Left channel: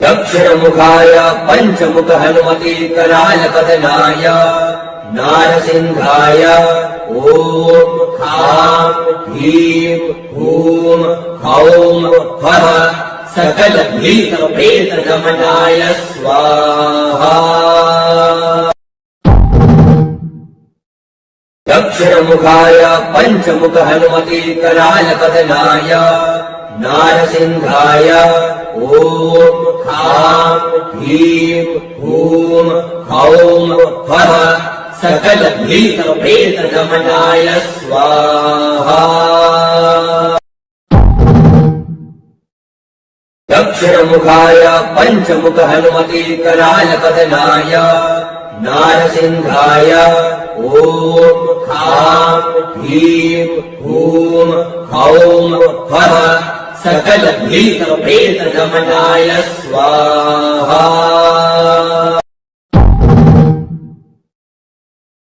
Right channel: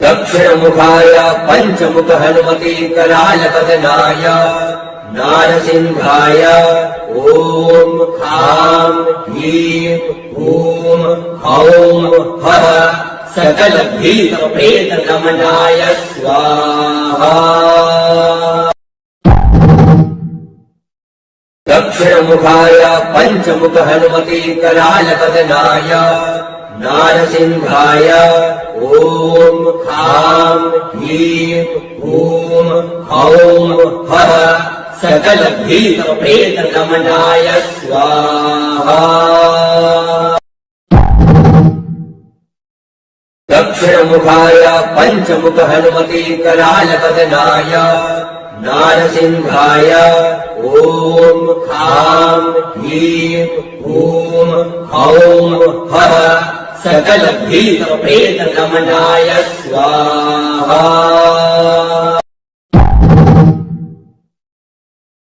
दक्षिणमुखाय पंचमुख हनुमते कराल पतनाय नारसिंहाय ओम खां ह्रीं हूं हौं हः सकल भीत प्रेत गमनाय स्वाहा। दक्षिणमुखाय पंचमुख हनुमते कराल पतनाय नारसिंहाय ओम खां ह्रीं हूं हौं हः सकल भीत प्रेत गमनाय स्वाहा। दक्षिणमुखाय पंचमुख हनुमते कराल पतनाय नारसिंहाय ओम खां ह्रीं हूं हौं हः सकल भीत प्रेत गमनाय स्वाहा।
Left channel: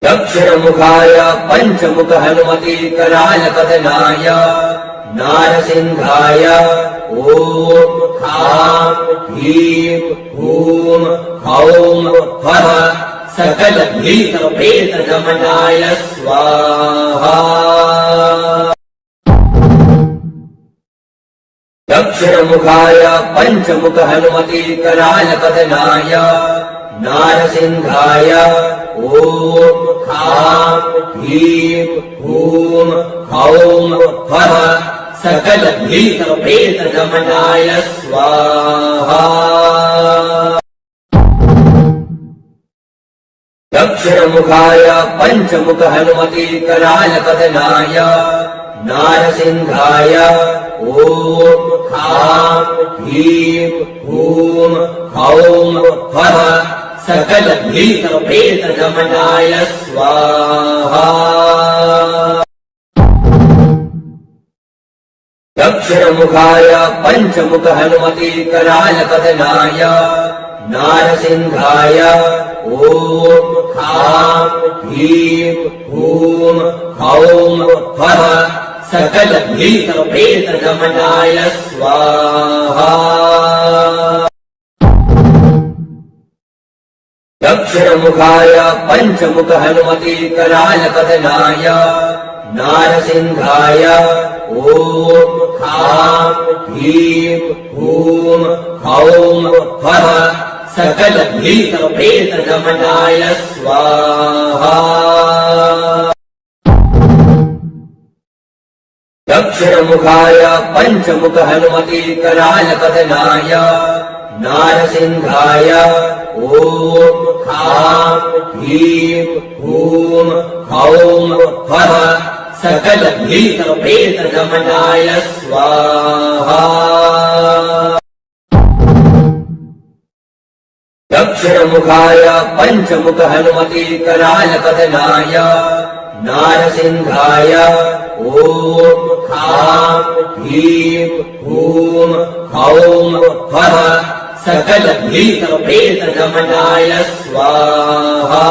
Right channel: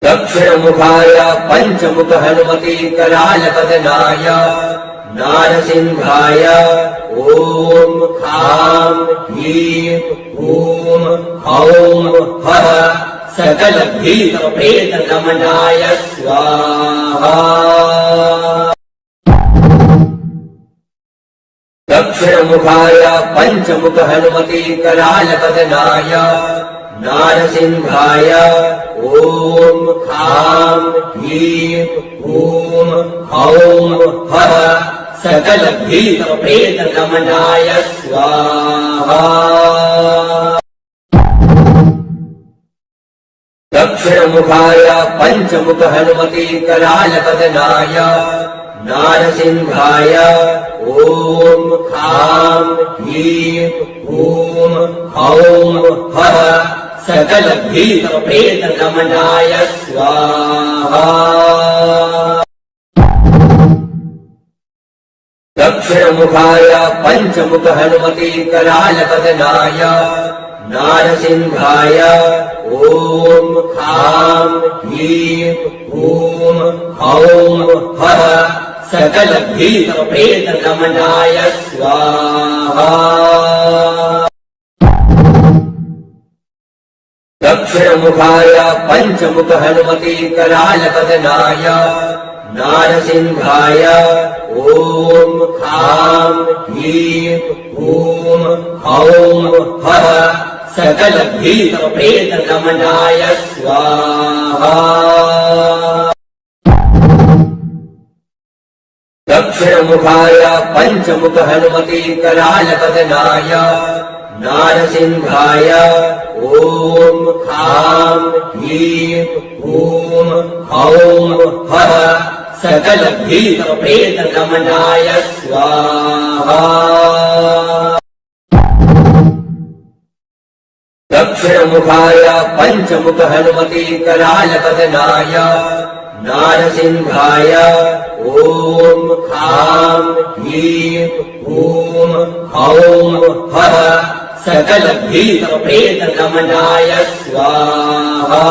दक्षिणमुखाय पंचमुख हनुमते कराल पतनाय नारसिंहाय ओम खां ह्रीं हूं हौं हः सकल भीत प्रेत गमनाय स्वाहा। दक्षिणमुखाय पंचमुख हनुमते कराल पतनाय नारसिंहाय ओम खां ह्रीं हूं हौं हः सकल भीत प्रेत गमनाय स्वाहा। दक्षिणमुखाय पंचमुख हनुमते कराल पतनाय नारसिंहाय ओम खां ह्रीं हूं हौं हः सकल भीत प्रेत गमनाय स्वाहा। दक्षिणमुखाय पंचमुख हनुमते कराल पतनाय नारसिंहाय ओम खां ह्रीं हूं हौं हः सकल भीत प्रेत गमनाय स्वाहा। दक्षिणमुखाय पंचमुख हनुमते कराल पतनाय नारसिंहाय ओम खां ह्रीं हूं हौं हः सकल भीत प्रेत गमनाय स्वाहा। दक्षिणमुखाय पंचमुख हनुमते कराल पतनाय नारसिंहाय ओम खां ह्रीं हूं हौं हः सकल भीत प्रेत गमनाय स्वाहा। दक्षिणमुखाय पंचमुख हनुमते कराल पतनाय नारसिंहाय ओम खां ह्रीं हूं हौं हः सकल भीत प्रेत गमनाय स्वाहा।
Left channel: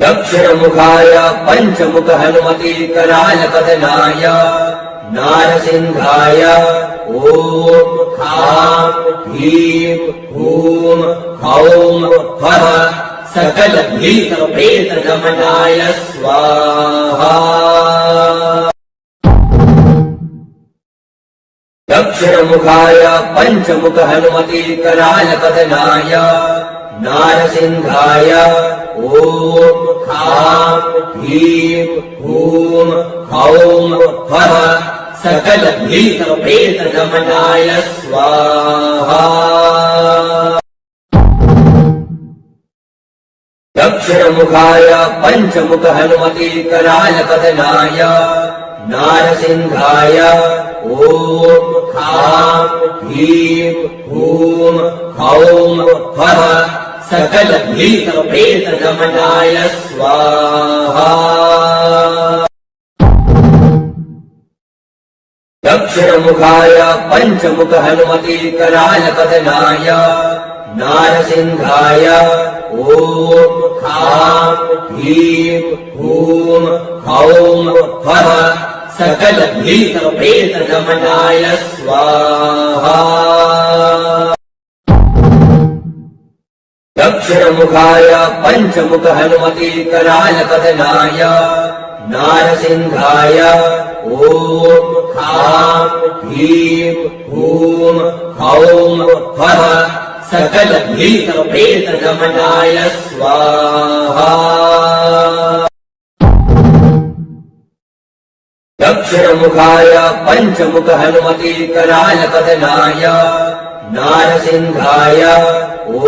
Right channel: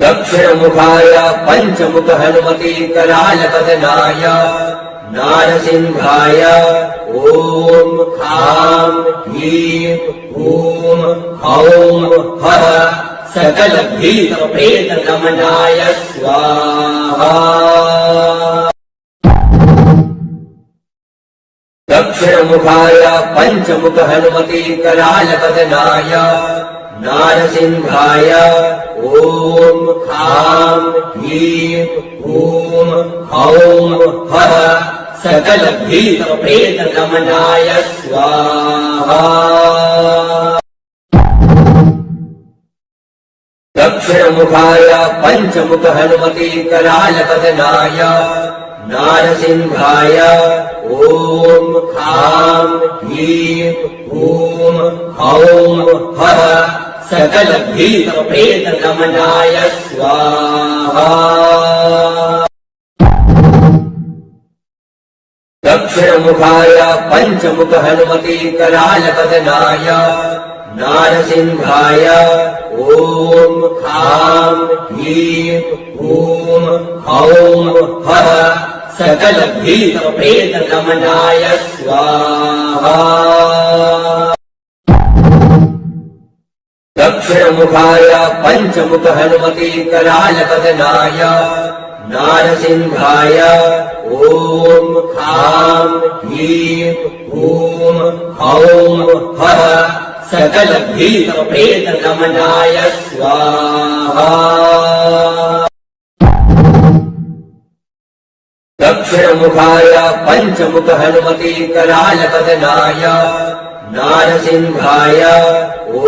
दक्षिणमुखाय पंचमुख हनुमते कराल पतनाय नारसिंहाय ओम खां ह्रीं हूं हौं हः सकल भीत प्रेत गमनाय स्वाहा। दक्षिणमुखाय पंचमुख हनुमते कराल पतनाय नारसिंहाय ओम खां ह्रीं हूं हौं हः सकल भीत प्रेत गमनाय स्वाहा। दक्षिणमुखाय पंचमुख हनुमते कराल पतनाय नारसिंहाय ओम खां ह्रीं हूं हौं हः सकल भीत प्रेत गमनाय स्वाहा। दक्षिणमुखाय पंचमुख हनुमते कराल पतनाय नारसिंहाय ॐ खां ह्रीं हूं हौं फः सकलभीतप्रेतगमनाय स्वाहा। दक्षिणमुखाय पञ्चमुख हनुमति करालपदनाय नारसिंहाय ॐ खां ह्रीं हूं हौं फः सकलभीतप्रेतगमनाय स्वाहा। दक्षिणमुखाय पञ्चमुख हनुमति करालपदनाय नारसिंहाय ॐ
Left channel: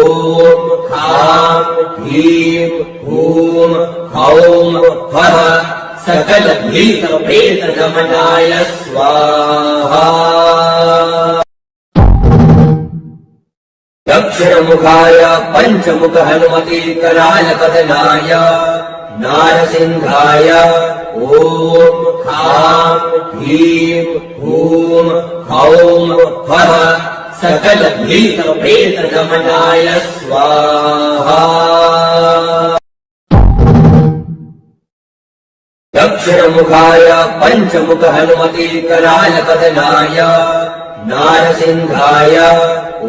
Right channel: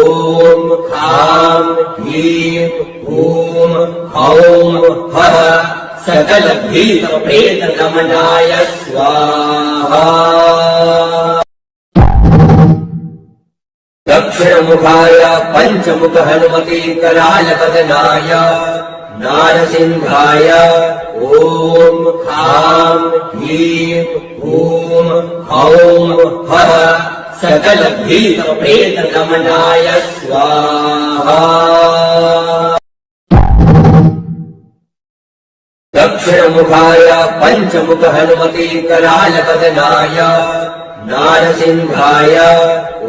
खां ह्रीं हूं हौं फः सकलभीतप्रेतगमनाय स्वाहा। दक्षिणमुखाय पञ्चमुख हनुमति करालपदनाय नारसिंहाय ॐ खां ह्रीं हूं हौं फः सकलभीतप्रेतगमनाय स्वाहा। दक्षिणमुखाय पञ्चमुख हनुमति करालपदनाय नारसिंहाय ॐ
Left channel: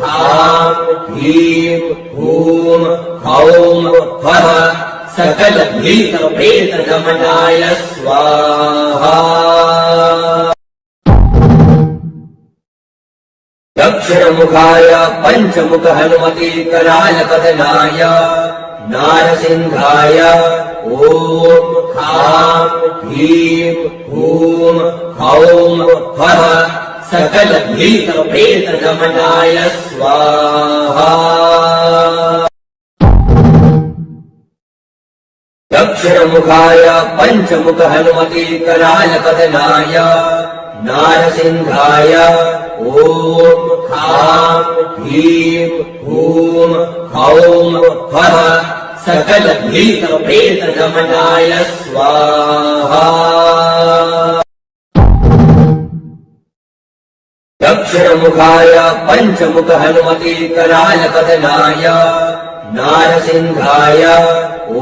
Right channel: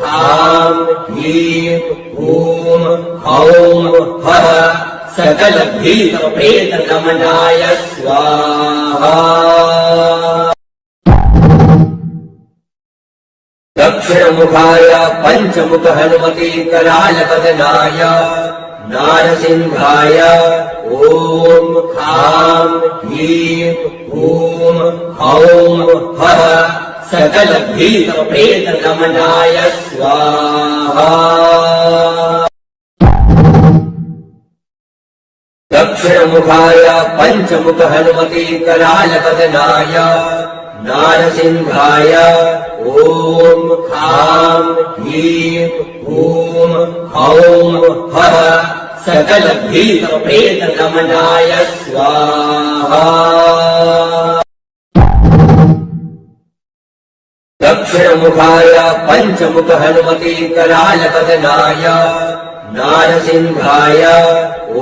खां ह्रीं हूं हौं फः सकलभीतप्रेतगमनाय स्वाहा। दक्षिणमुखाय पञ्चमुख हनुमति करालपदनाय नारसिंहाय ॐ खां ह्रीं हूं हौं फः सकलभीतप्रेतगमनाय स्वाहा। दक्षिणमुखाय पञ्चमुख हनुमति करालपदनाय नारसिंहाय ॐ खां ह्रीं हूं हौं फः सकलभीतप्रेतगमनाय स्वाहा। दक्षिणमुखाय पञ्चमुख हनुमति करालपदनाय नारसिंहाय ॐ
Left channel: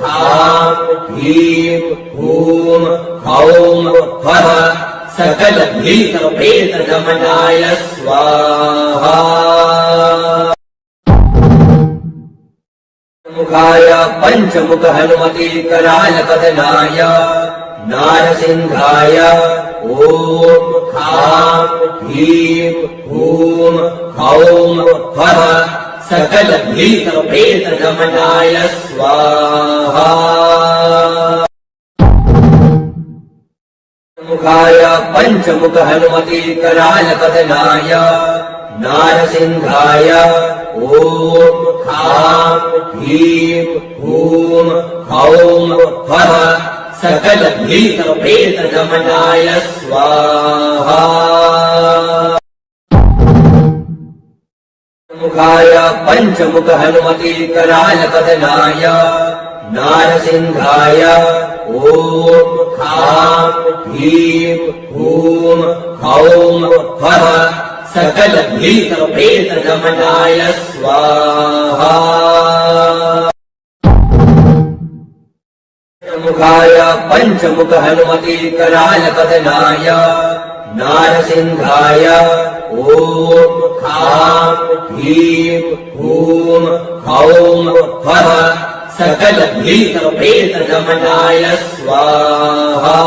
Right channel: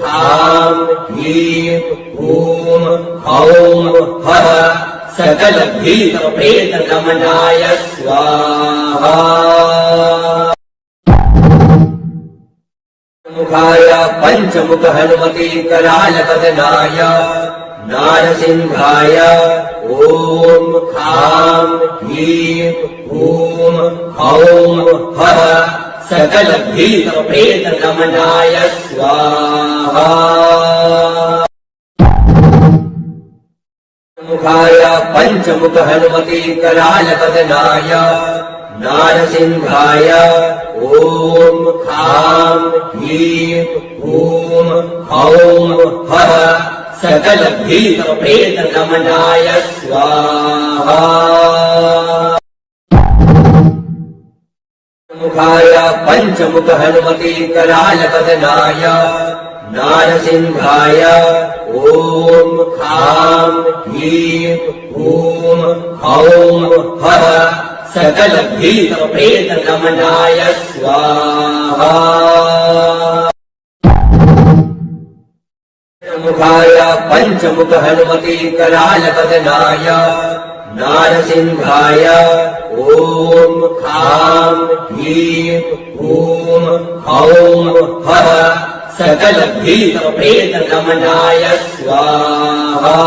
खां ह्रीं हूं हौं फः सकलभीतप्रेतगमनाय स्वाहा। मुखाय पञ्चमुख हनुमति करालपदनाय नारसिंहाय ॐ खां ह्रीं हूं हौं फः सकलभीतप्रेतगमनाय स्वाहा। मुखाय पञ्चमुख हनुमति करालपदनाय नारसिंहाय ॐ खां ह्रीं हूं हौं फः सकलभीतप्रेतगमनाय स्वाहा। मुखाय पञ्चमुख हनुमति करालपदनाय नारसिंहाय ॐ खां ह्रीं हूं हौं फः सकलभीतप्रेतगमनाय स्वाहा। मुखाय पञ्चमुख हनुमति करालपदनाय नारसिंहाय ॐ खां ह्रीं हूं हौं फः सकलभीतप्रेतगमनाय स्वाहा।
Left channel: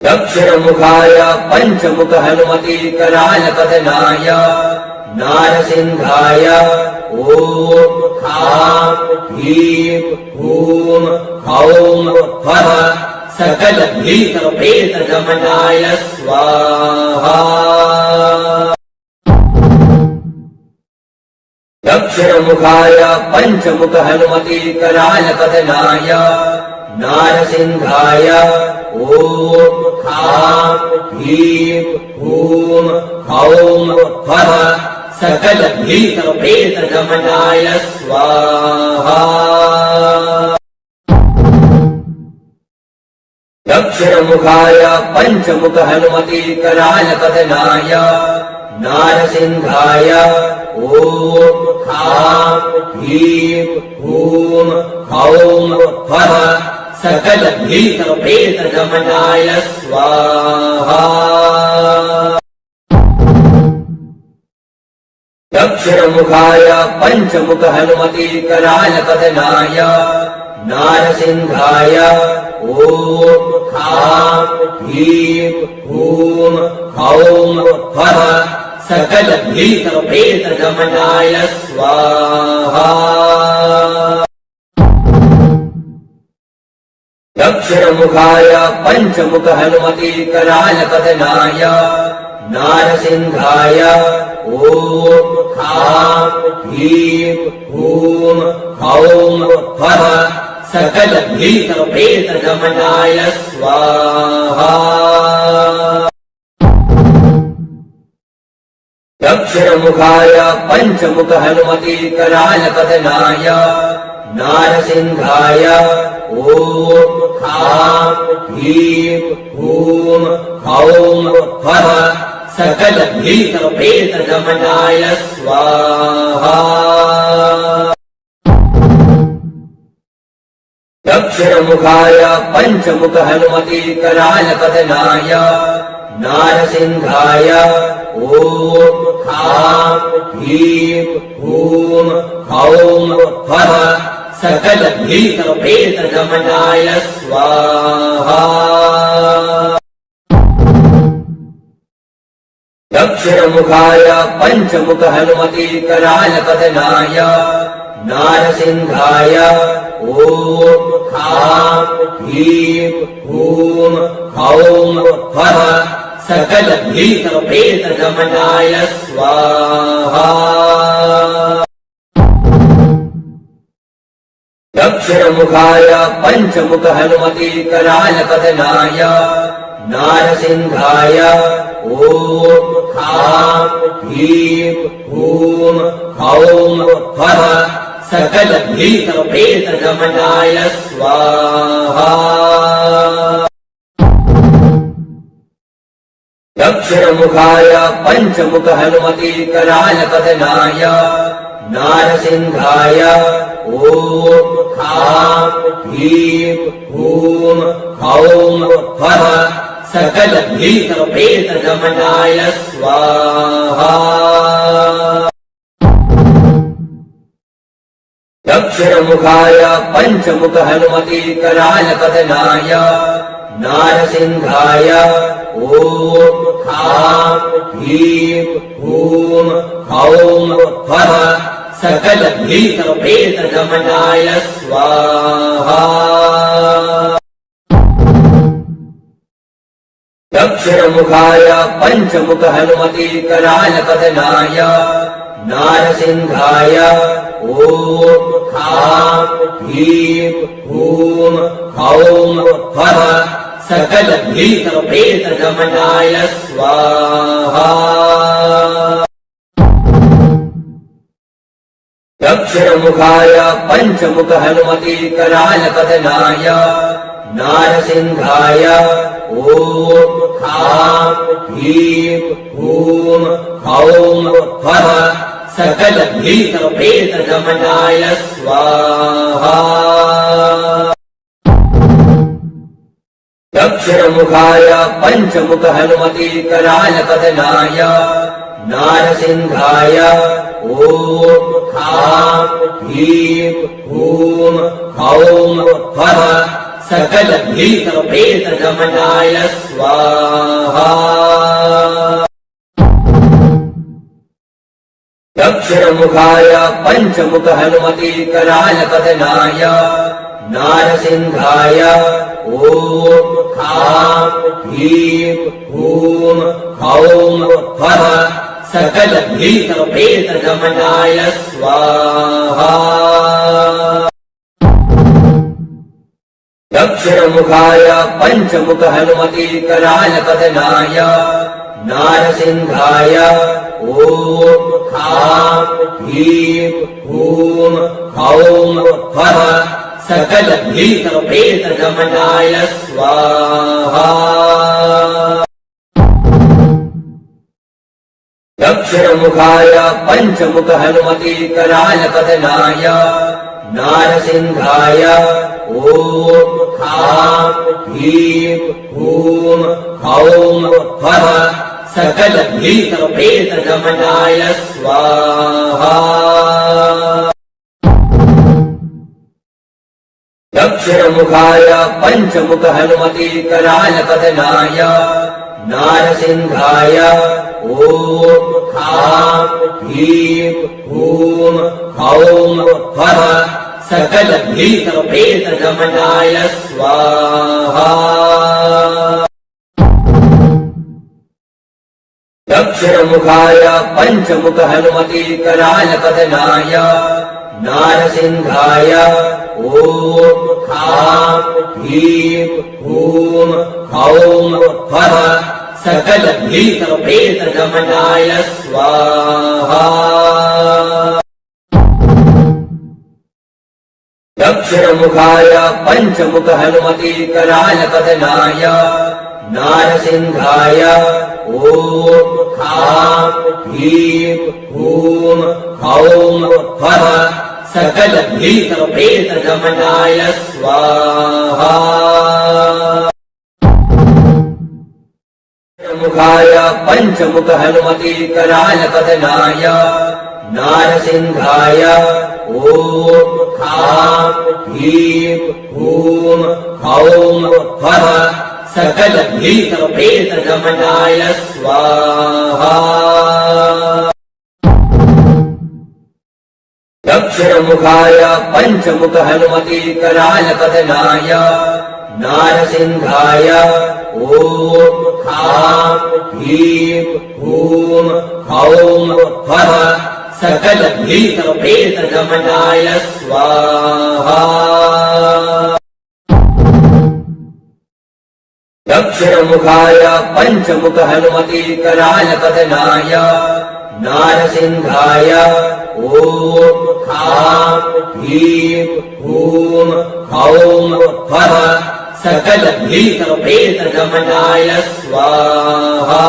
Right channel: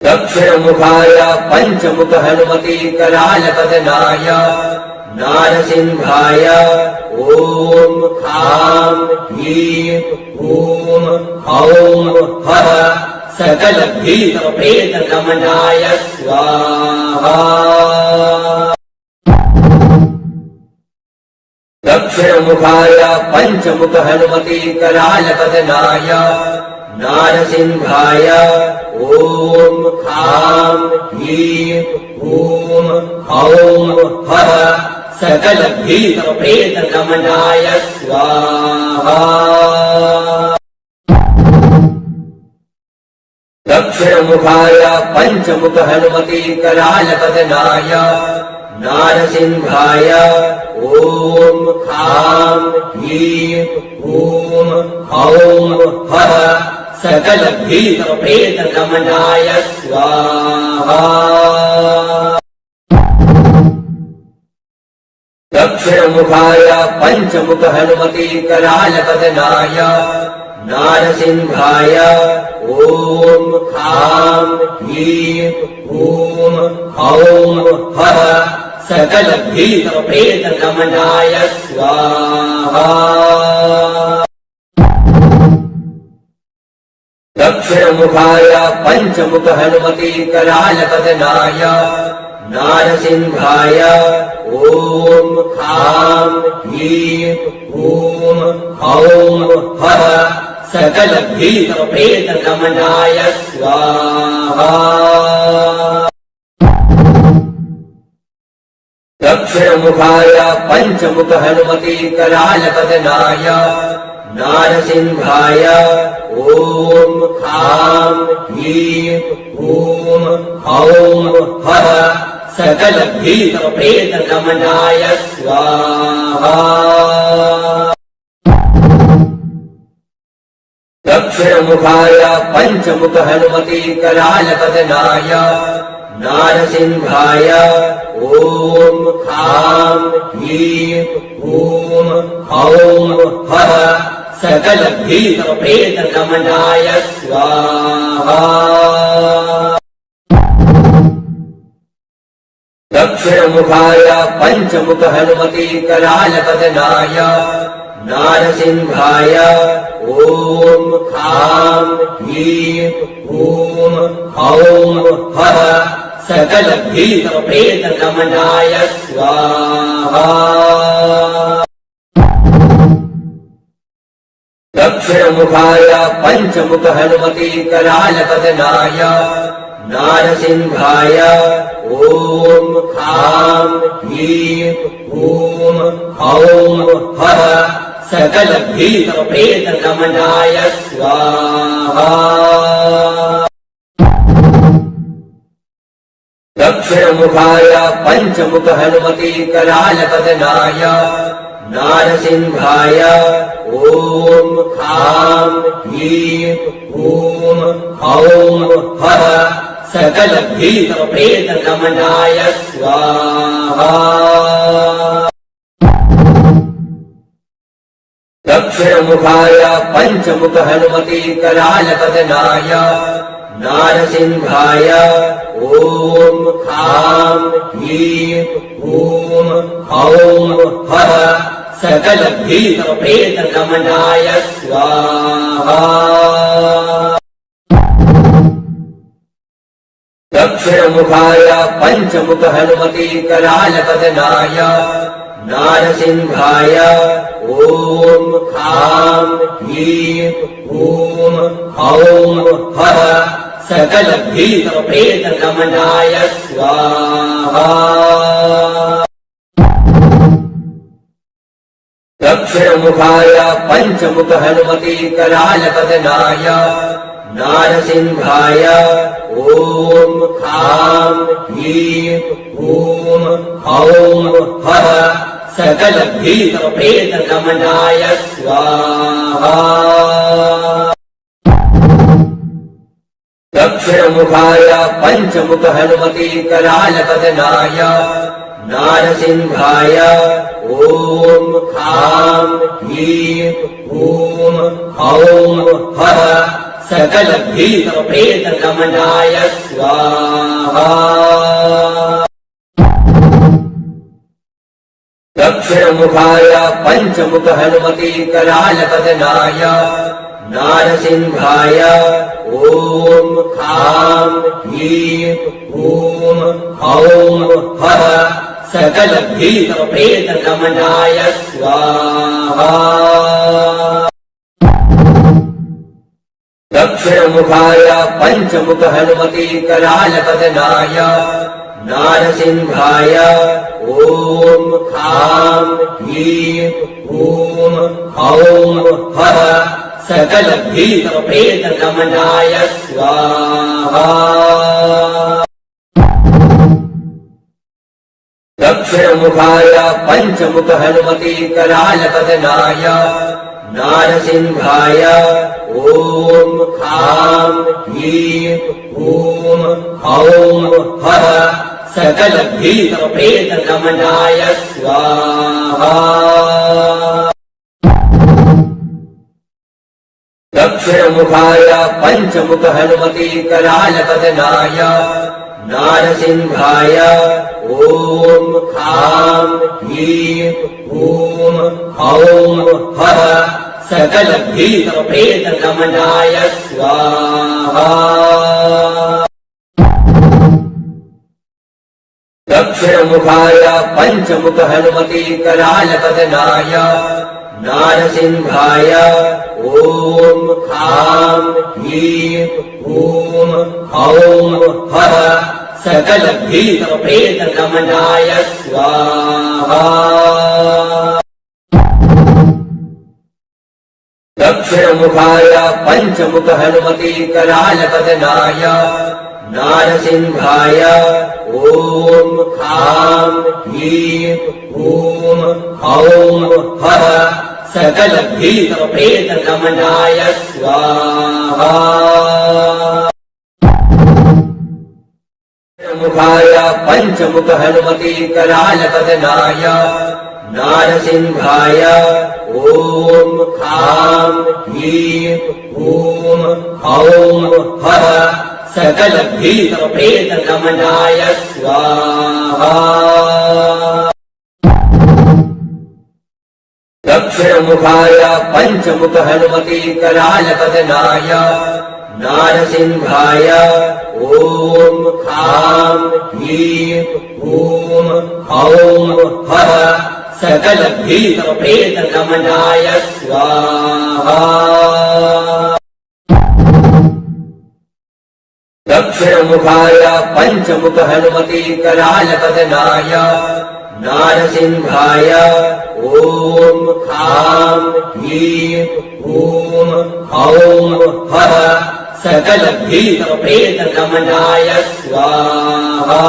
दक्षिणमुखाय पञ्चमुख हनुमति करालपदनाय नारसिंहाय ॐ खां ह्रीं हूं हौं फः सकलभीतप्रेतगमनाय स्वाहा। दक्षिणमुखाय पञ्चमुख हनुमति करालपदनाय नारसिंहाय ॐ खां ह्रीं हूं हौं फः सकलभीतप्रेतगमनाय स्वाहा। दक्षिणमुखाय पञ्चमुख हनुमतीकराय पदनाय नारसिंहाय ॐ खां ह्रीं हूं हौं फः सकलभीतप्रेतगमनाय स्वाहा। दक्षिणमुखाय पञ्चमुख हनुमतीकराय पदनाय नारसिंहाय ॐ खां ह्रीं हूं हौं फः सकलभीतप्रेतगमनाय स्वाहा। दक्षिणमुखाय पञ्चमुख हनुमतीकराय पदनाय नारसिंहाय ॐ खां ह्रीं हूं हौं फः सकलभीतप्रेतगमनाय स्वाहा। दक्षिणमुखाय पञ्चमुख हनुमतीकराय पदनाय नारसिंहाय ॐ खां ह्रीं हूं हौं फः सकलभीतप्रेतगमनाय स्वाहा। दक्षिणमुखाय पञ्चमुख हनुमतीकराय पदनाय नारसिंहाय ॐ खां ह्रीं हूं हौं फः सकलभीतप्रेतगमनाय स्वाहा। दक्षिणमुखाय पञ्चमुख हनुमतीकराय पदनाय नारसिंहाय ॐ खां ह्रीं हूं हौं फः सकलभीतप्रेतगमनाय स्वाहा। दक्षिणमुखाय पञ्चमुख हनुमतीकराय पदनाय नारसिंहाय ॐ खां ह्रीं हूं हौं फः सकलभीतप्रेतगमनाय स्वाहा। दक्षिणमुखाय पञ्चमुख हनुमतीकराय पदनाय नारसिंहाय ॐ खां ह्रीं हूं हौं फः सकलभीतप्रेतगमनाय स्वाहा। दक्षिणमुखाय पञ्चमुख हनुमतीकराय पदनाय नारसिंहाय ॐ खां ह्रीं हूं हौं फः सकलभीतप्रेतगमनाय स्वाहा। दक्षिणमुखाय पञ्चमुख हनुमतीकराय पदनाय नारसिंहाय ॐ खां ह्रीं हूं हौं फः सकलभीतप्रेतगमनाय स्वाहा। दक्षिणमुखाय पञ्चमुख हनुमतीकराय पदनाय नारसिंहाय ॐ खां ह्रीं हूं हौं फः सकलभीतप्रेतगमनाय स्वाहा। दक्षिणमुखाय पञ्चमुख हनुमतीकराय पदनाय नारसिंहाय ॐ खां ह्रीं हूं हौं फः सकलभीतप्रेतगमनाय स्वाहा। दक्षिणमुखाय पञ्चमुख हनुमतीकराय पदनाय नारसिंहाय ॐ खां ह्रीं हूं हौं फः सकलभीतप्रेतगमनाय स्वाहा। दक्षिणमुखाय पञ्चमुख हनुमतीकराय पदनाय नारसिंहाय ॐ खां ह्रीं हूं हौं फः सकल भीत प्रेत गमनाय स्वाहा। दक्षिणमुखाय पंचमुख हनुमति कराल बदनाय नारसिंहाय ओम खां ह्रीं हूं हौं फः सकल भीत प्रेत गमनाय स्वाहा। दक्षिणमुखाय पंचमुख हनुमति कराल बदनाय नारसिंहाय ओम खां ह्रीं हूं हौं फः सकल भीत प्रेत गमनाय स्वाहा। दक्षिणमुखाय पंचमुख हनुमति कराल बदनाय नारसिंहाय ओम खां ह्रीं हूं हौं फः सकल भीत प्रेत गमनाय स्वाहा। दक्षिणमुखाय पंचमुख हनुमति कराल बदनाय नारसिंहाय ओम खां ह्रीं हूं हौं फः सकल भीत प्रेत गमनाय स्वाहा। मुखाय पंचमुख हनुमति कराल बदनाय नारसिंहाय ओम खां ह्रीं हूं हौं फः सकल भीत प्रेत गमनाय स्वाहा। दक्षिणमुखाय पंचमुख हनुमति कराल बदनाय नारसिंहाय ओम खां ह्रीं हूं हौं फः सकल भीत प्रेत गमनाय स्वाहा। दक्षिणमुखाय पंचमुख हनुमति कराल बदनाय नारसिंहाय ओम खां ह्रीं हूं हौं फः सकल भीत प्रेत गमनाय स्वाहा।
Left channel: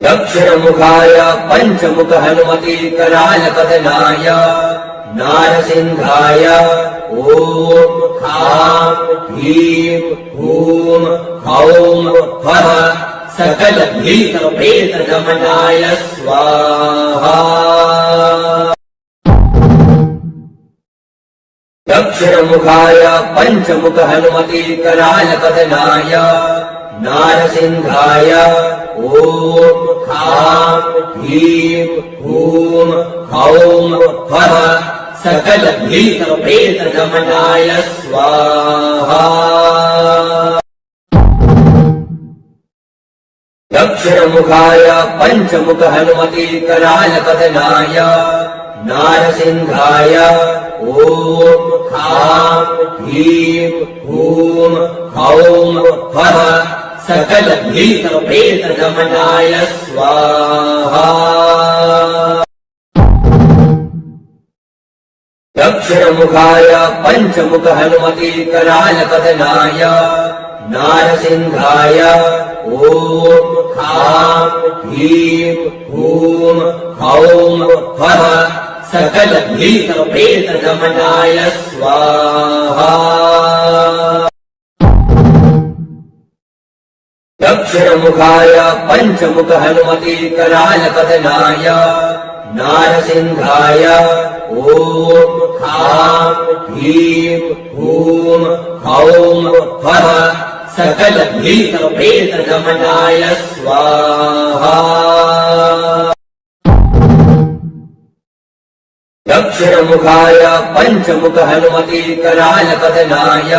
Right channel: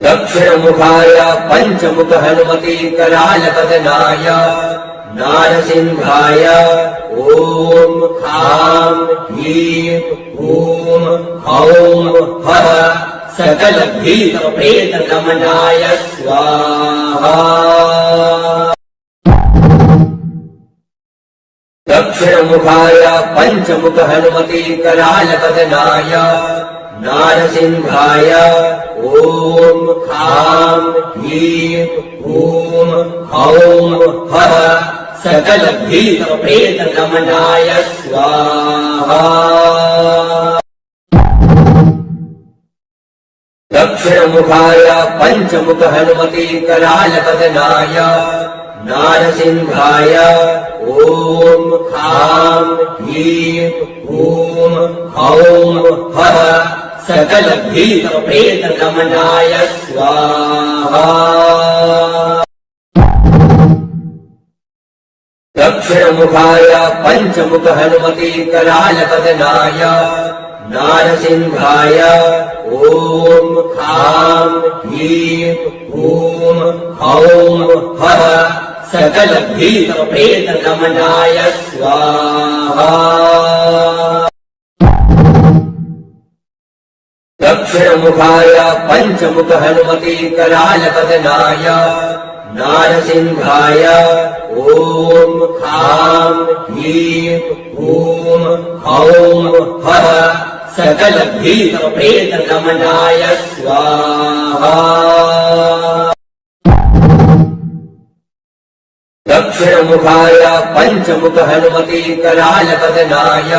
दक्षिणमुखाय पंचमुख हनुमति कराल बदनाय नारसिंहाय ओम खां ह्रीं हूं हौं फः सकल भीत प्रेत गमनाय स्वाहा। दक्षिणमुखाय पंचमुख हनुमति कराल बदनाय नारसिंहाय ओम खां ह्रीं हूं हौं फः सकल भीत प्रेत गमनाय स्वाहा। दक्षिणमुखाय पंचमुख हनुमति कराल बदनाय नारसिंहाय ओम खां ह्रीं हूं हौं फः सकल भीत प्रेत गमनाय स्वाहा। दक्षिणमुखाय पंचमुख हनुमति कराल बदनाय नारसिंहाय ओम खां ह्रीं हूं हौं फः सकल भीत प्रेत गमनाय स्वाहा। दक्षिणमुखाय पंचमुख हनुमति कराल बदनाय नारसिंहाय ओम खां ह्रीं हूं हौं फः सकल भीत प्रेत गमनाय स्वाहा। दक्षिणमुखाय पंचमुख हनुमति कराल बदनाय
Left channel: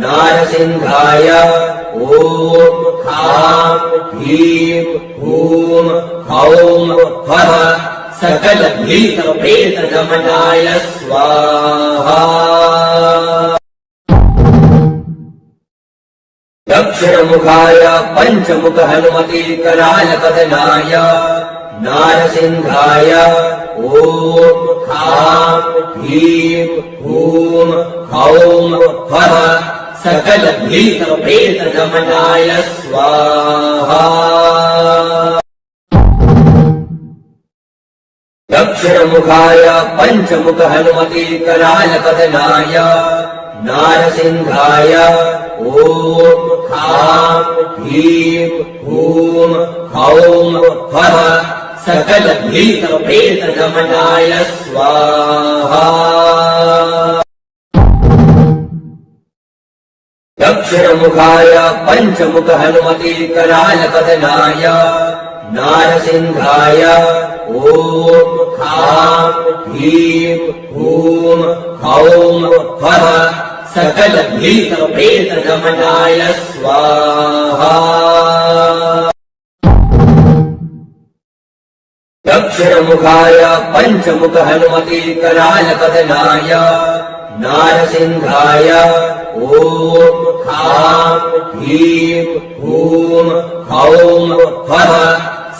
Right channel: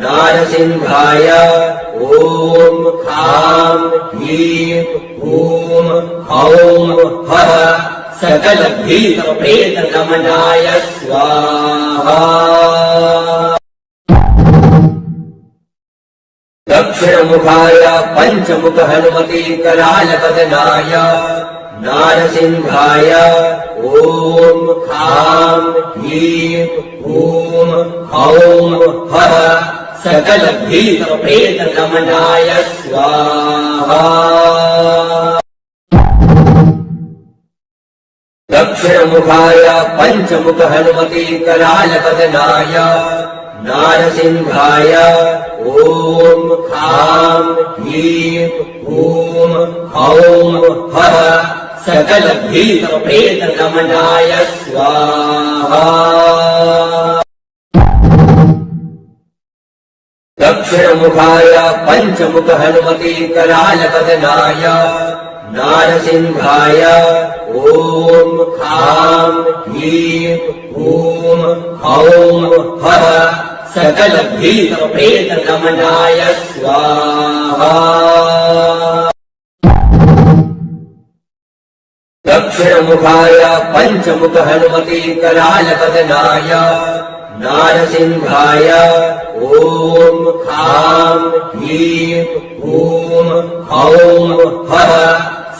नारसिंहाय ओम खां ह्रीं हूं हौं फः सकल भीत प्रेत गमनाय स्वाहा। दक्षिणमुखाय पंचमुख हनुमति कराल बदनाय नारसिंहाय ओम खां ह्रीं हूं हौं हः सकलभीतप्रेतगमनाय स्वाहा। दक्षिणमुखाय पञ्चमुख हनुमते करालपदनाय नारसिंहाय ॐ खां ह्रीं हूं हौं हः सकलभीतप्रेतगमनाय स्वाहा। दक्षिणमुखाय पञ्चमुख हनुमते करालपदनाय नारसिंहाय ॐ खां ह्रीं हूं हौं हः सकलभीतप्रेतगमनाय स्वाहा। दक्षिणमुखाय पञ्चमुख हनुमते करालपदनाय नारसिंहाय ॐ खां ह्रीं हूं हौं हः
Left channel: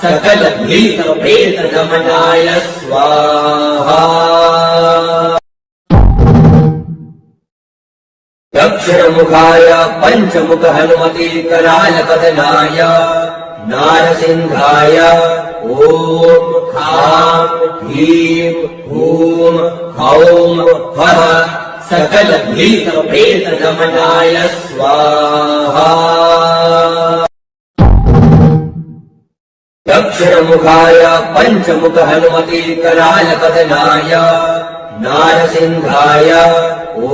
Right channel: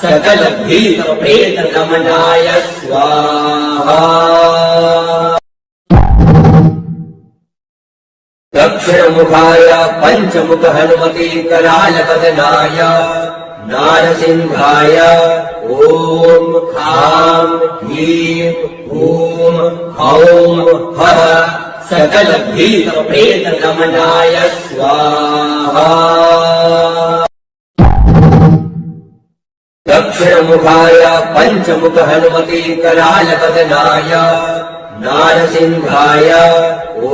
सकलभीतप्रेतगमनाय स्वाहा। दक्षिणमुखाय पञ्चमुख हनुमते करालपदनाय नारसिंहाय ॐ खां ह्रीं हूं हौं हः सकलभीतप्रेतगमनाय स्वाहा। दक्षिणमुखाय पञ्चमुख हनुमते करालपदनाय नारसिंहाय ॐ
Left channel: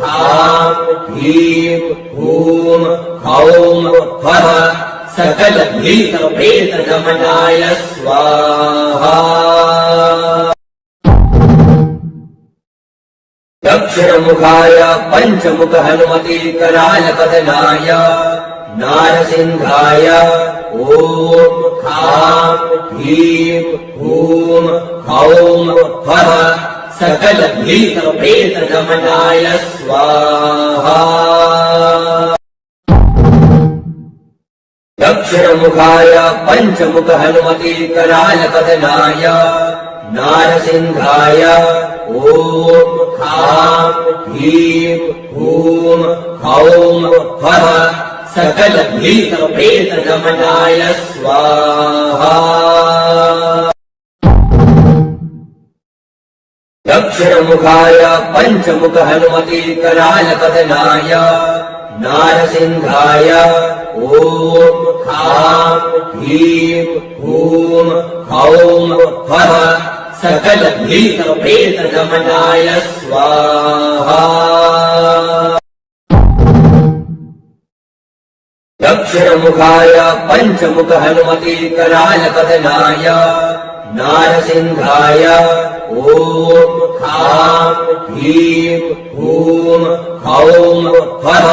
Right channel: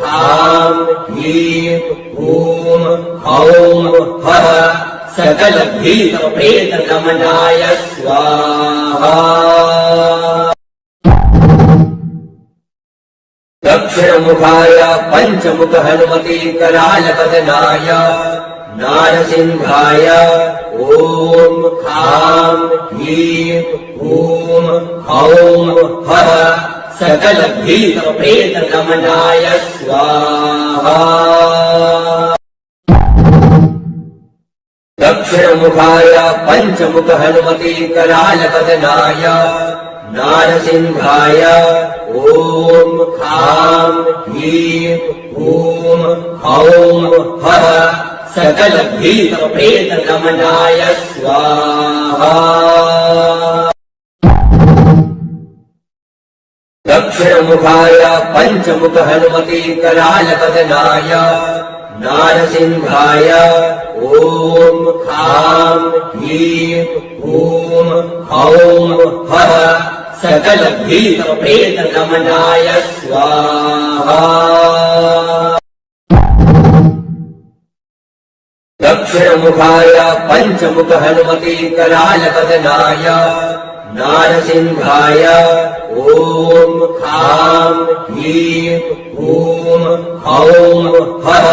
खां ह्रीं हूं हौं हः सकलभीतप्रेतगमनाय स्वाहा। दक्षिणमुखाय पञ्चमुख हनुमते करालपदनाय नारसिंहाय ॐ खां ह्रीं हूं हौं हः सकलभीतप्रेतगमनाय स्वाहा। दक्षिणमुखाय पञ्चमुख हनुमते करालपदनाय नारसिंहाय ॐ खां ह्रीं हूं हौं हः सकलभीतप्रेतगमनाय स्वाहा। दक्षिणमुखाय पञ्चमुख हनुमते करालपदनाय नारसिंहाय ॐ खां ह्रीं हूं हौं हः सकलभीतप्रेतगमनाय स्वाहा। दक्षिणमुखाय पञ्चमुख हनुमते करालपदनाय नारसिंहाय ॐ खां ह्रीं हूं हौं हः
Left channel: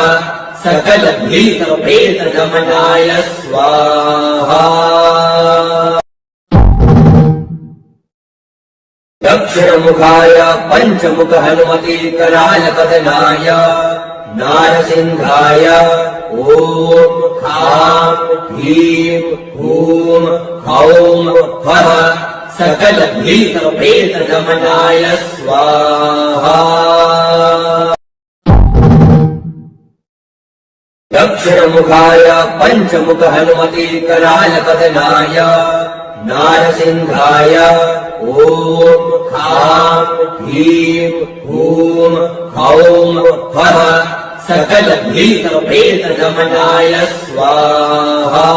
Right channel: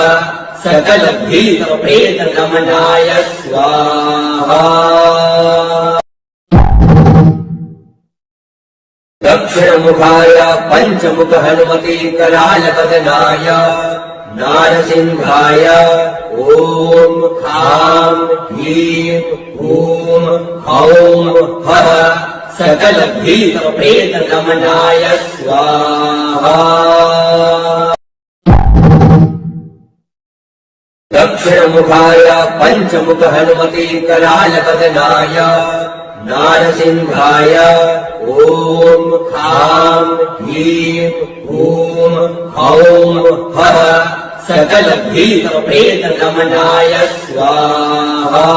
सकलभीतप्रेतगमनाय स्वाहा। दक्षिणमुखाय पञ्चमुख हनुमते करालपदनाय नारसिंहाय ॐ खां ह्रीं हूं हौं हः सकलभीतप्रेतगमनाय स्वाहा। दक्षिणमुखाय पञ्चमुख हनुमते करालपदनाय नारसिंहाय ॐ खां ह्रीं हूं हौं हः सकलभीतप्रेतगमनाय स्वाहा।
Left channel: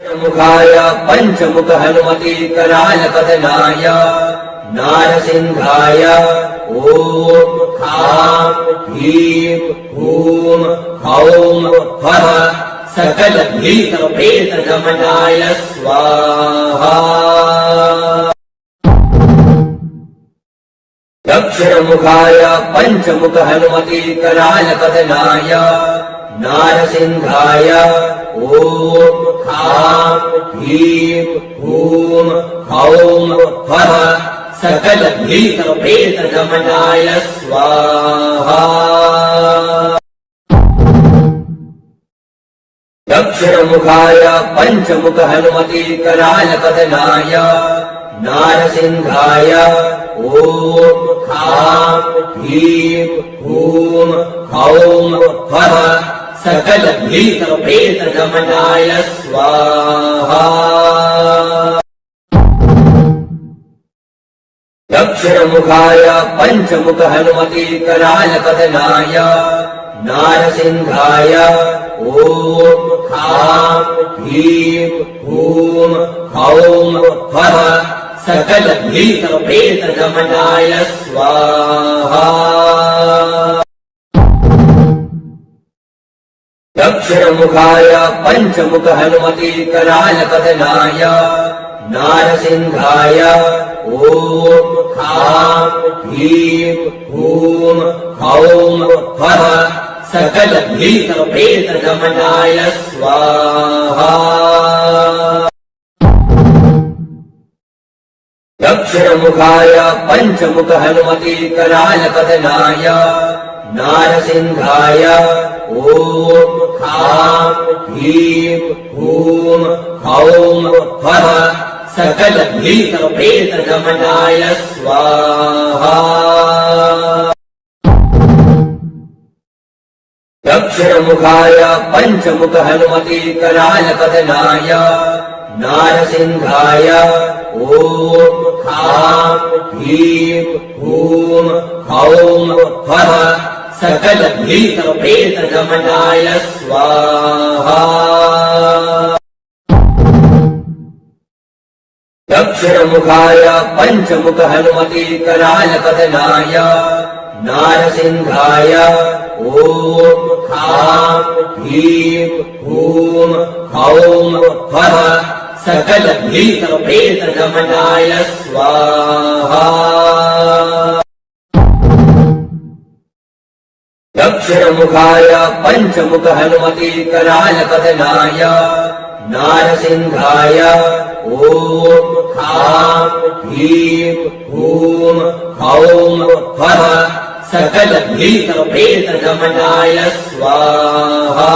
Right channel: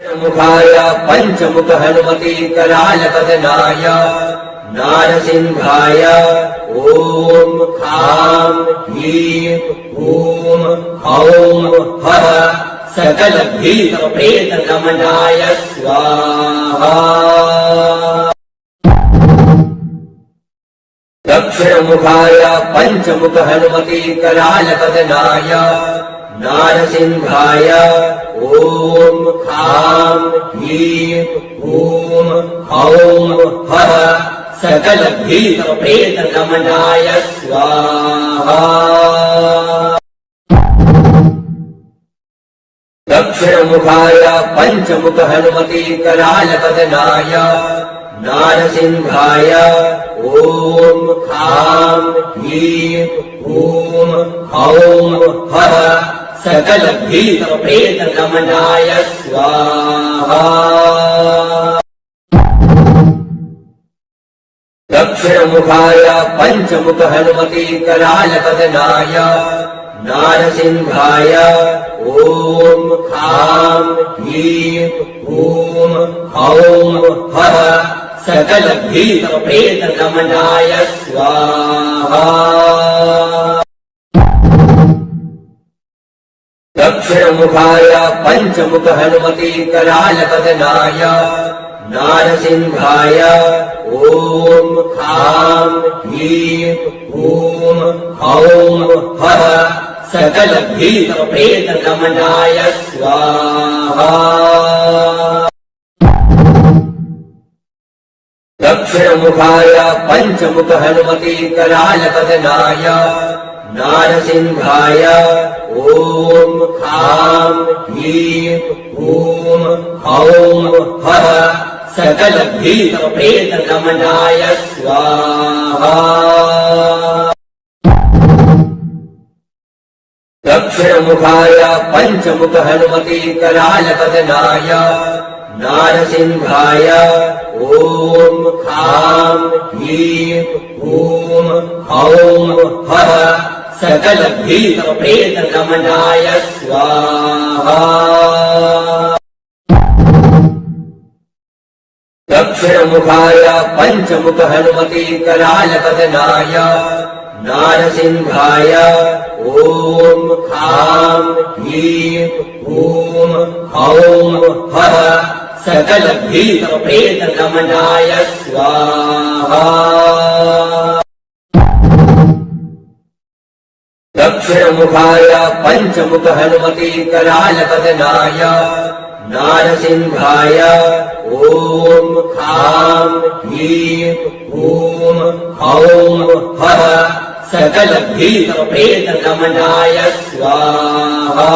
दक्षिणमुखाय पञ्चमुख हनुमते करालपदनाय नारसिंहाय ॐ खां ह्रीं हूं हौं हः सकलभीतप्रेतगमनाय स्वाहा। दक्षिणमुखाय पञ्चमुख हनुमते करालपदनाय नारसिंहाय ॐ खां ह्रीं हूं हौं हः सकलभीतप्रेतगमनाय स्वाहा। दक्षिणमुखाय पञ्चमुख हनुमति करालपतनाय नारसिंहाय ॐ खां ह्रीं हूं हौं फः सकल भीत प्रेत गमनाय स्वाहा। दक्षिणमुखाय पञ्चमुख हनुमति करालपतनाय नारसिंहाय ॐ खां ह्रीं हूं हौं फः सकल भीत प्रेत गमनाय स्वाहा। दक्षिणमुखाय पञ्चमुख हनुमति करालपतनाय नारसिंहाय ॐ खां ह्रीं हूं हौं फः सकल भीत प्रेत गमनाय स्वाहा। दक्षिणमुखाय पञ्चमुख हनुमति करालपतनाय नारसिंहाय ॐ खां ह्रीं हूं हौं फः सकल भीत प्रेत गमनाय स्वाहा। दक्षिणमुखाय पञ्चमुख हनुमति करालपतनाय नारसिंहाय ॐ खां ह्रीं हूं हौं फः सकल भीत प्रेत गमनाय स्वाहा। दक्षिणमुखाय पञ्चमुख हनुमति करालपतनाय नारसिंहाय ॐ खां ह्रीं हूं हौं फः सकल भीत प्रेत गमनाय स्वाहा। दक्षिणमुखाय पञ्चमुख हनुमति करालपतनाय नारसिंहाय ॐ खां ह्रीं हूं हौं फः सकल भीत प्रेत गमनाय स्वाहा।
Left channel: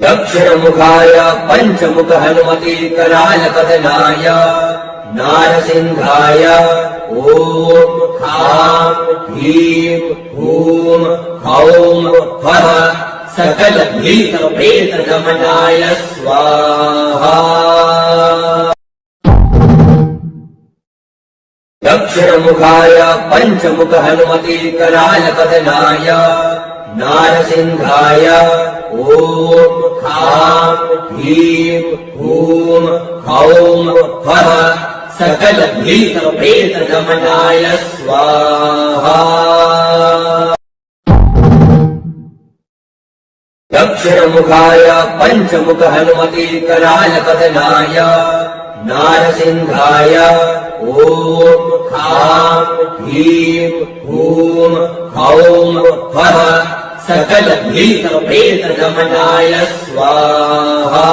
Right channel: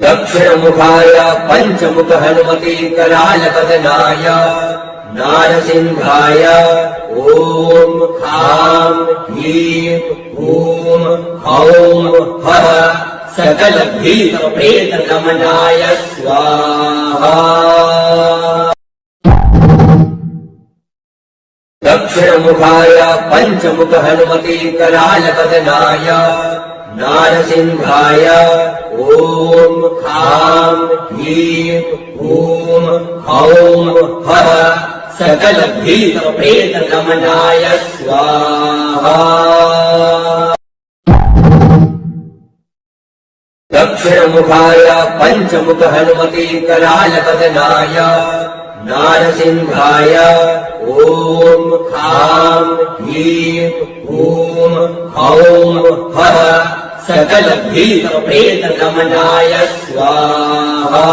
दक्षिणमुखाय पञ्चमुख हनुमति करालपतनाय नारसिंहाय ॐ खां ह्रीं हूं हौं फः सकल भीत प्रेत गमनाय स्वाहा। दक्षिणमुखाय पञ्चमुख हनुमति करालपतनाय नारसिंहाय ॐ खां ह्रीं हूं हौं फः सकल भीत प्रेत गमनाय स्वाहा। दक्षिणमुखाय पञ्चमुख हनुमति करालपतनाय नारसिंहाय ॐ खां ह्रीं हूं हौं फः सकल भीत प्रेत गमनाय स्वाहा।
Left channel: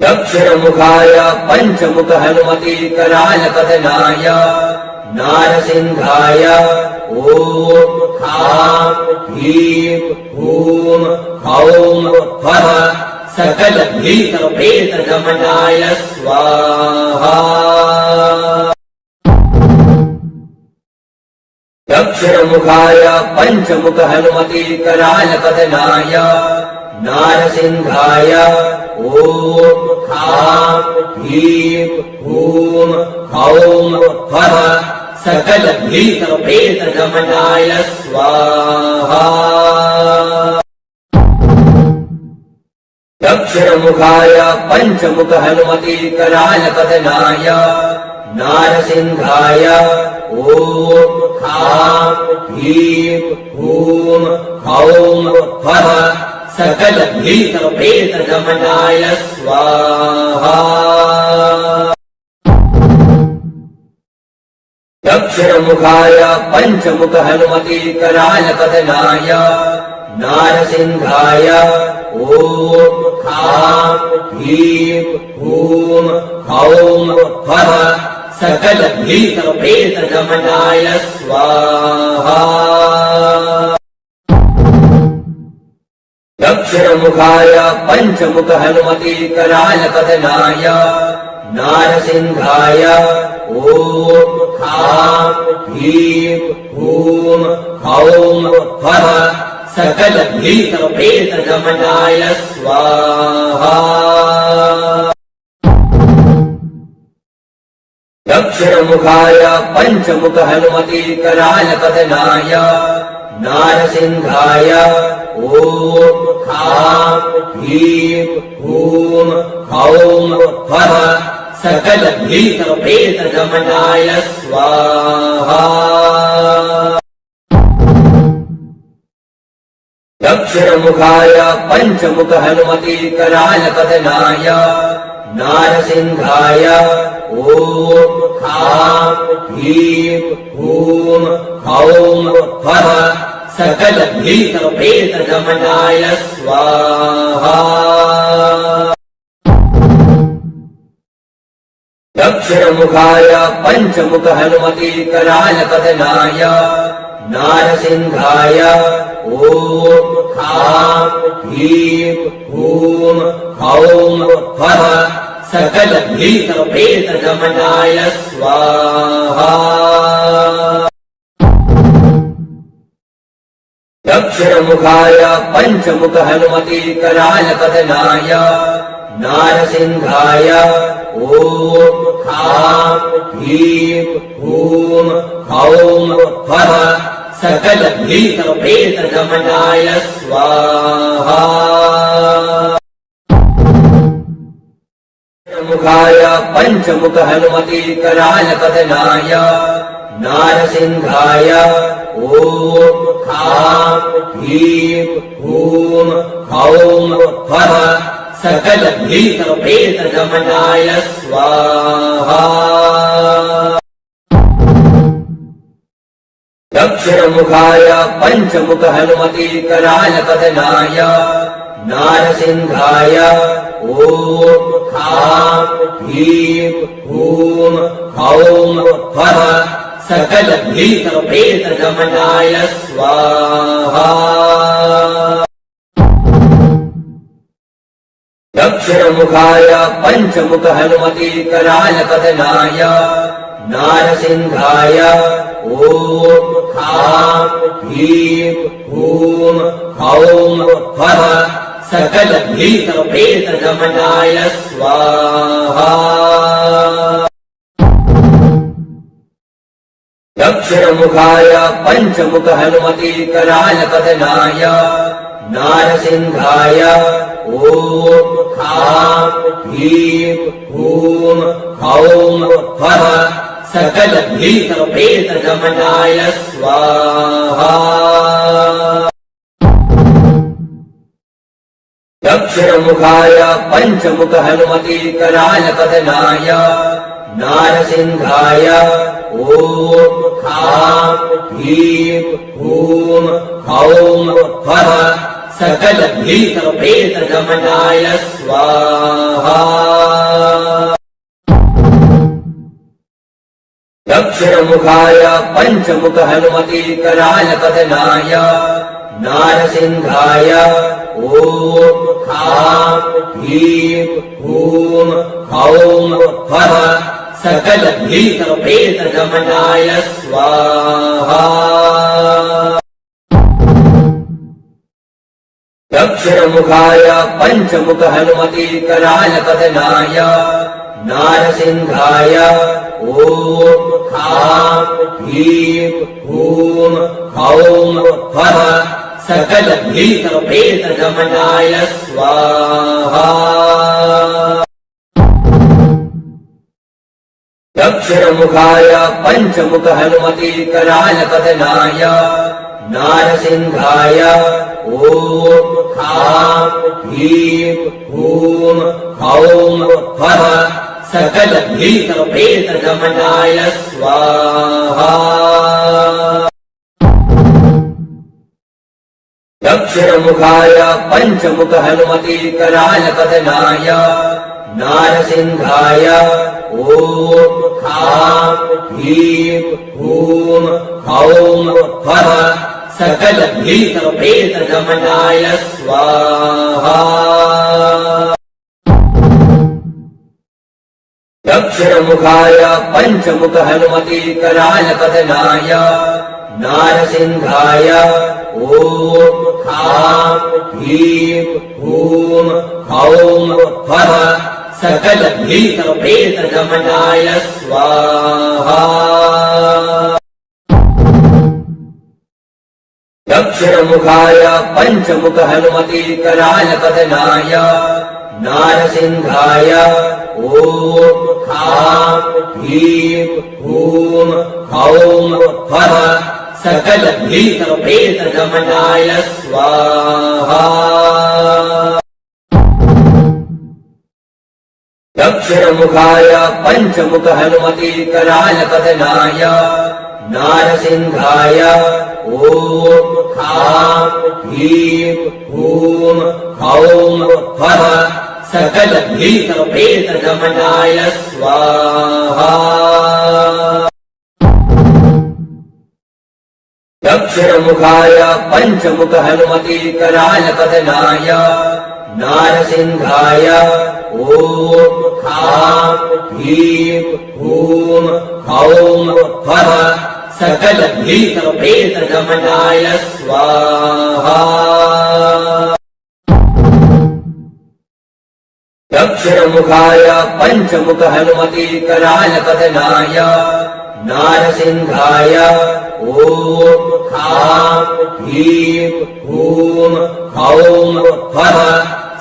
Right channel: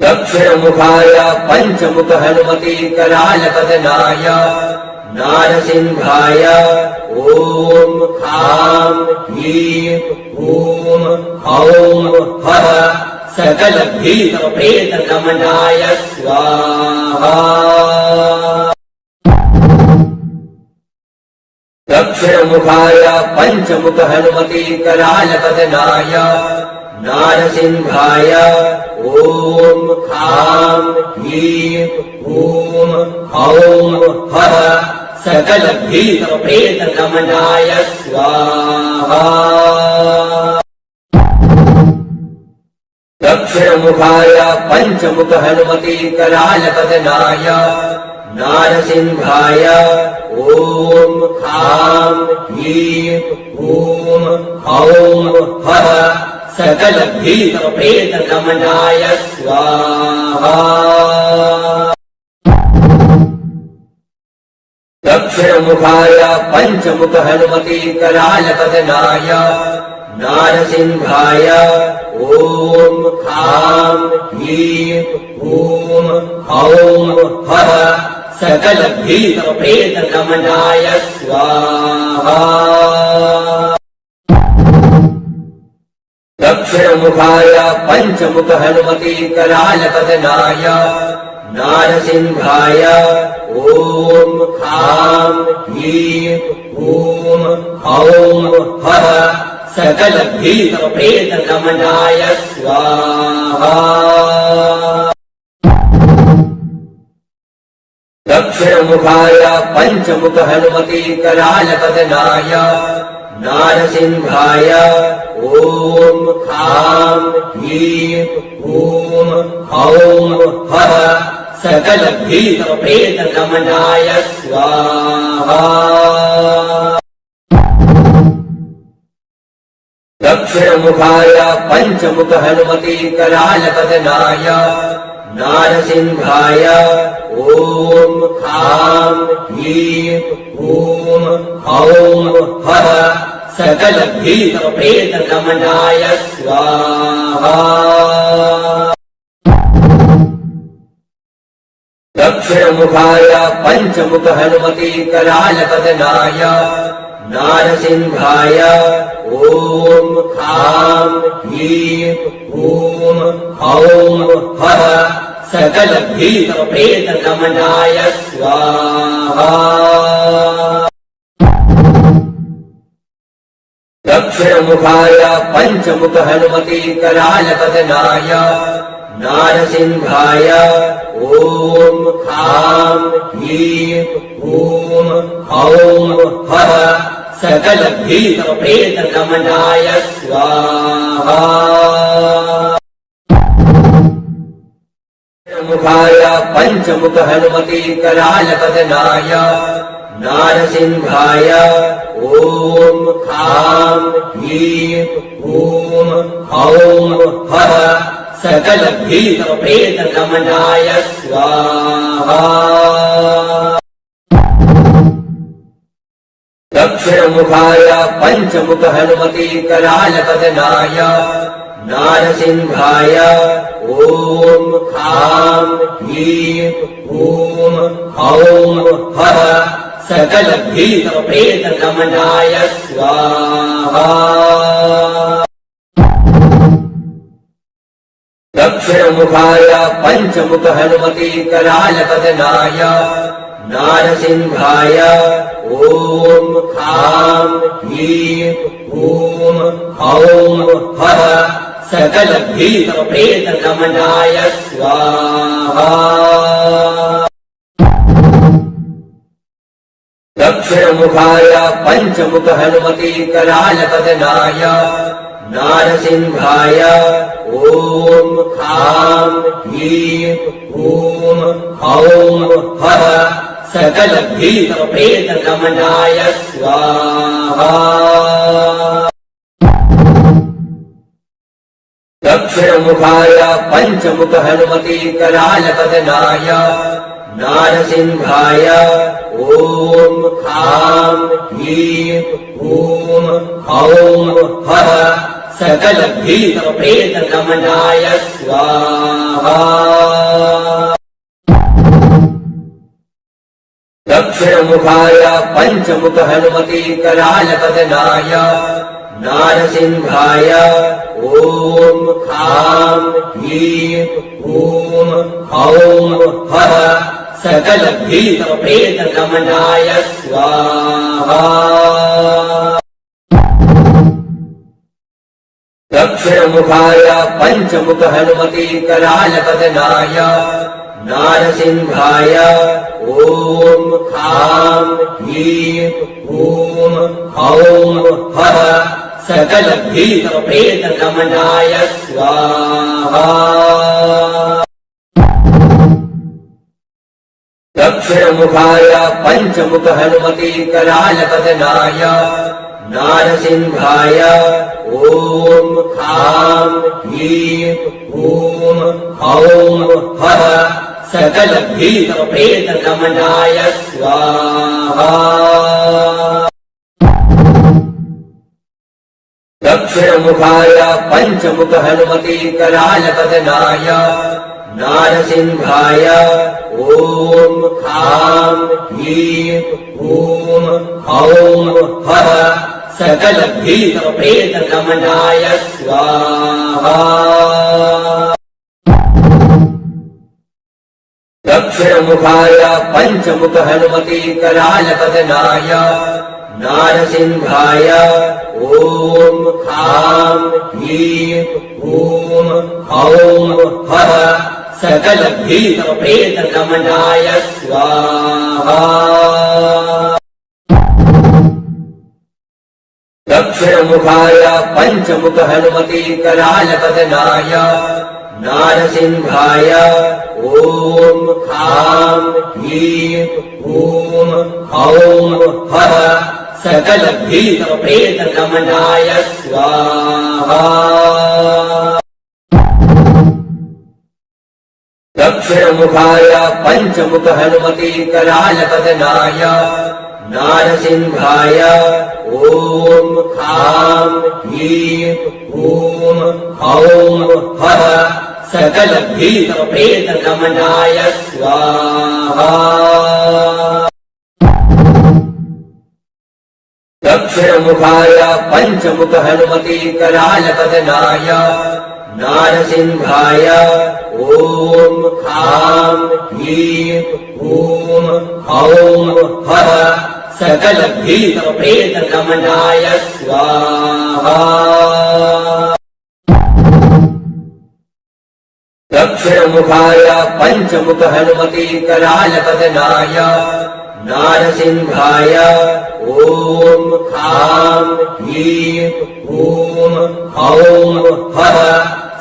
दक्षिणमुखाय पञ्चमुख हनुमति करालपतनाय नारसिंहाय ॐ खां ह्रीं हूं हौं फः सकल भीत प्रेत गमनाय स्वाहा। दक्षिणमुखाय पञ्चमुख हनुमति करालपतनाय नारसिंहाय ॐ खां ह्रीं हूं हौं फः सकल भीत प्रेत गमनाय स्वाहा। दक्षिणमुखाय पञ्चमुख हनुमति करालपतनाय नारसिंहाय ॐ खां ह्रीं हूं हौं फः सकल भीत प्रेत गमनाय स्वाहा। दक्षिणमुखाय पञ्चमुख हनुमति करालपतनाय नारसिंहाय ॐ खां ह्रीं हूं हौं फः सकल भीत प्रेत गमनाय स्वाहा। दक्षिणमुखाय पंचमुख हनुमति कराल बदनाय नारसिंहाय ओम खां ह्रीं हूं हौं फः सकल भीत प्रेत गमनाय स्वाहा। दक्षिणमुखाय पंचमुख हनुमति कराल बदनाय नारसिंहाय ओम खां ह्रीं हूं हौं फः सकल भीत प्रेत गमनाय स्वाहा। दक्षिणमुखाय पंचमुख हनुमति कराल बदनाय नारसिंहाय ओम खां ह्रीं हूं हौं फः सकल भीत प्रेत गमनाय स्वाहा। दक्षिणमुखाय पंचमुख हनुमति कराल बदनाय नारसिंहाय ओम खां ह्रीं हूं हौं फः सकल भीत प्रेत गमनाय स्वाहा। दक्षिणमुखाय पंचमुख हनुमति कराल बदनाय नारसिंहाय ओम खां ह्रीं हूं हौं फः सकल भीत प्रेत गमनाय स्वाहा। दक्षिणमुखाय पंचमुख हनुमति कराल बदनाय नारसिंहाय ओम खां ह्रीं हूं हौं फः सकल भीत प्रेत गमनाय स्वाहा। दक्षिणमुखाय पंचमुख हनुमति कराल बदनाय नारसिंहाय ओम खां ह्रीं हूं हौं फः सकल भीत प्रेत गमनाय स्वाहा। दक्षिणमुखाय पंचमुख हनुमति कराल बदनाय नारसिंहाय ओम खां ह्रीं हूं हौं फः सकल भीत प्रेत गमनाय स्वाहा। दक्षिणमुखाय पंचमुख हनुमति कराल बदनाय नारसिंहाय ओम खां ह्रीं हूं हौं फः सकल भीत प्रेत गमनाय स्वाहा। दक्षिणमुखाय पंचमुख हनुमति कराल बदनाय नारसिंहाय ओम खां ह्रीं हूं हौं फः सकल भीत प्रेत गमनाय स्वाहा। दक्षिणमुखाय पंचमुख हनुमति कराल बदनाय नारसिंहाय ओम खां ह्रीं हूं हौं फः सकल भीत प्रेत गमनाय स्वाहा। दक्षिणमुखाय पंचमुख हनुमति कराल बदनाय नारसिंहाय ओम खां ह्रीं हूं हौं फः सकल भीत प्रेत गमनाय स्वाहा। दक्षिणमुखाय पंचमुख हनुमति कराल बदनाय नारसिंहाय ओम खां ह्रीं हूं हौं फः सकल भीत प्रेत गमनाय स्वाहा। दक्षिणमुखाय पंचमुख हनुमति कराल बदनाय नारसिंहाय ओम खां ह्रीं हूं हौं फः सकल भीत प्रेत गमनाय स्वाहा। दक्षिणमुखाय पंचमुख हनुमते कराल बदनाय नारसिंहाय ओम खां ह्रीं हूं हौं फः सकल भीत प्रेत गमनाय स्वाहा। दक्षिणमुखाय पंचमुख हनुमते कराल बदनाय नारसिंहाय ओम खां ह्रीं हूं हौं फः सकल भीत प्रेत गमनाय स्वाहा। दक्षिणमुखाय पंचमुख हनुमते कराल बदनाय नारसिंहाय ओम खां ह्रीं हूं हौं फः सकल भीत प्रेत गमनाय स्वाहा। दक्षिणमुखाय पंचमुख हनुमते कराल बदनाय नारसिंहाय ओम खां ह्रीं हूं हौं फः सकल भीत प्रेत गमनाय स्वाहा। दक्षिणमुखाय पंचमुख हनुमते कराल बदनाय नारसिंहाय ओम खां ह्रीं हूं हौं फः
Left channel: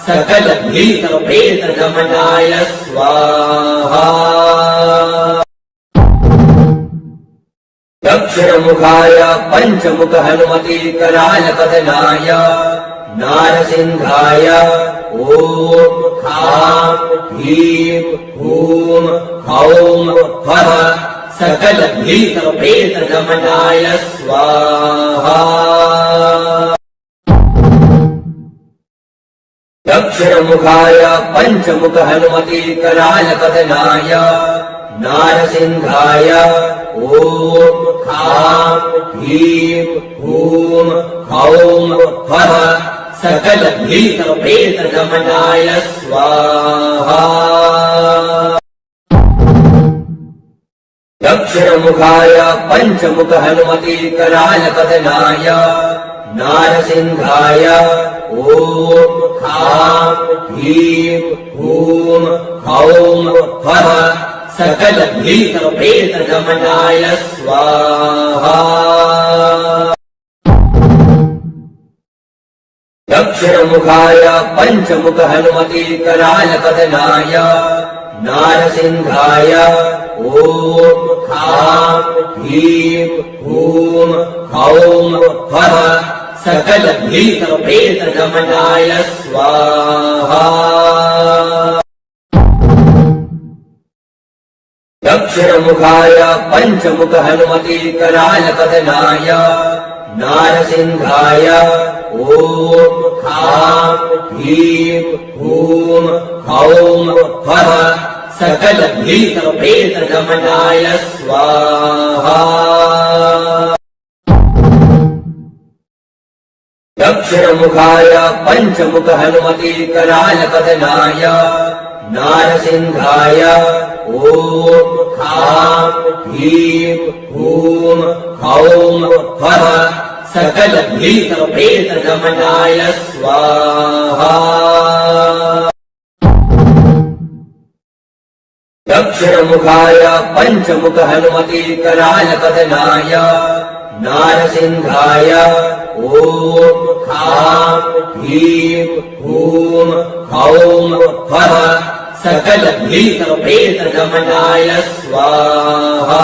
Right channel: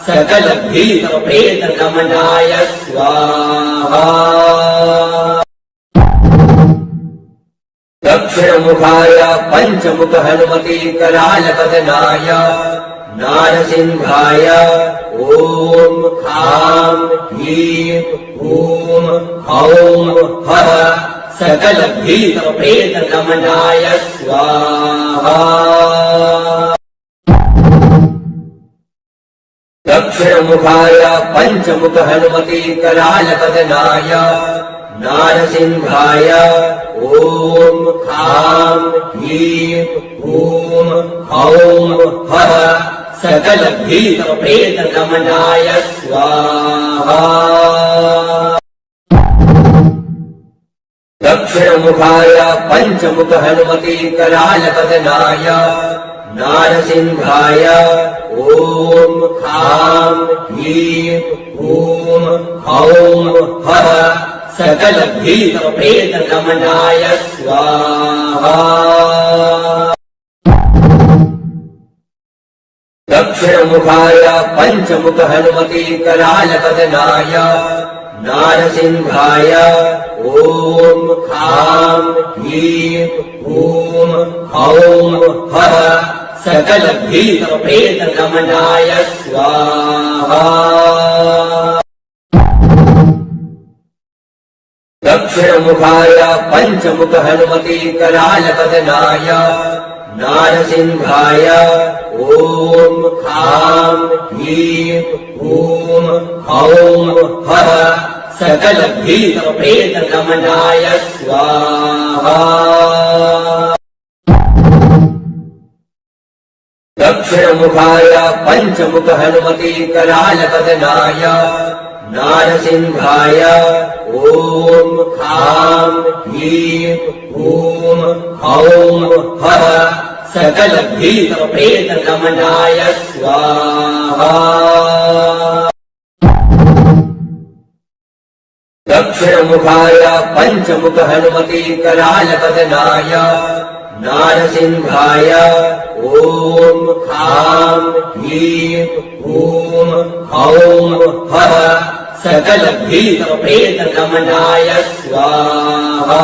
सकल भीत प्रेत गमनाय स्वाहा। दक्षिणमुखाय पंचमुख हनुमते कराल बदनाय नारसिंहाय ओम खां ह्रीं हूं हौं फः सकल भीत प्रेत गमनाय स्वाहा। दक्षिणमुखाय पंचमुख हनुमते कराल बदनाय नारसिंहाय ओम खां ह्रीं हूं हौं फः सकल भीत प्रेत गमनाय स्वाहा। दक्षिणमुखाय पंचमुख हनुमते कराल बदनाय नारसिंहाय ओम खां ह्रीं हूं हौं फः सकल भीत प्रेत गमनाय स्वाहा। दक्षिणमुखाय पंचमुख हनुमते कराल बदनाय नारसिंहाय ओम खां ह्रीं हूं हौं फः सकल भीत प्रेत गमनाय स्वाहा। दक्षिणमुखाय पंचमुख हनुमते कराल बदनाय नारसिंहाय ओम खां ह्रीं हूं हौं फः सकल भीत प्रेत गमनाय स्वाहा। दक्षिणमुखाय पंचमुख हनुमते कराल बदनाय नारसिंहाय ओम खां ह्रीं हूं हौं फः सकल भीत प्रेत गमनाय स्वाहा। दक्षिणमुखाय पंचमुख हनुमते कराल बदनाय नारसिंहाय ओम खां ह्रीं हूं हौं फः सकल भीत प्रेत गमनाय स्वाहा।